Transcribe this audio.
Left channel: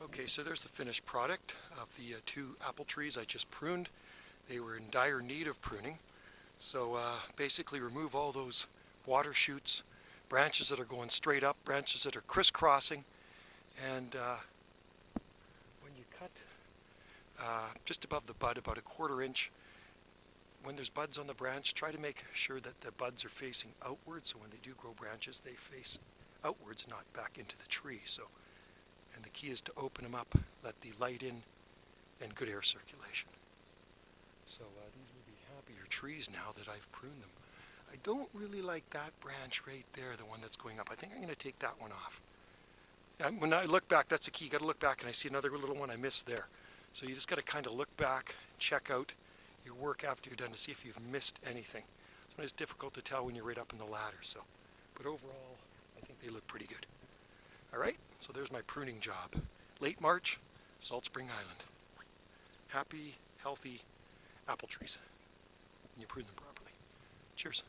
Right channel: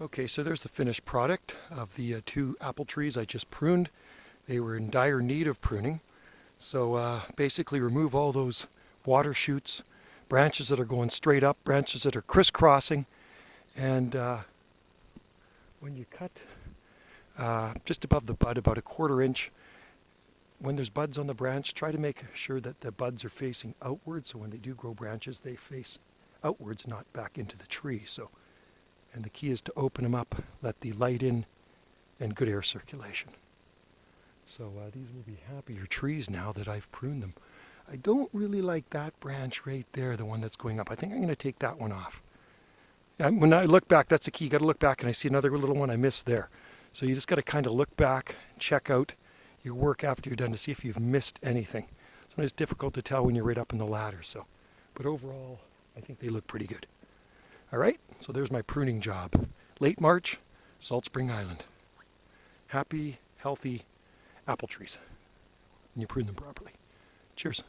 Okay, so there's the finished product of the two apple trees I just pruned. They were in dire need of pruning. So basically remove all those water shoots, branches that are going straight up, branches that are crisscrossing, and when you cut just above the bud, about a 1/4 inch, when there's buds on the branch, try to make sure that the buds are facing outwards, so when they do grow branches, they face outwards, not back into the tree. And the key is to open them up, let the light in, and good air circulation. So these will be happier trees now that I've pruned them. I don't really like that branch right there, the one that's going up. I think I'm going to take that one off. When I look back, that's the key. You got to look back, and I see another little one I missed there. So you just got to kind of look back, check out your work after you're done to see if you've missed anything. Sometimes it's difficult to tell when you're right up in the ladder. But overall, I think they look pretty good. All right, so there's my pruning job. Late March, Salt Spring Island. Happy, healthy apple trees when you prune them properly. Cheers.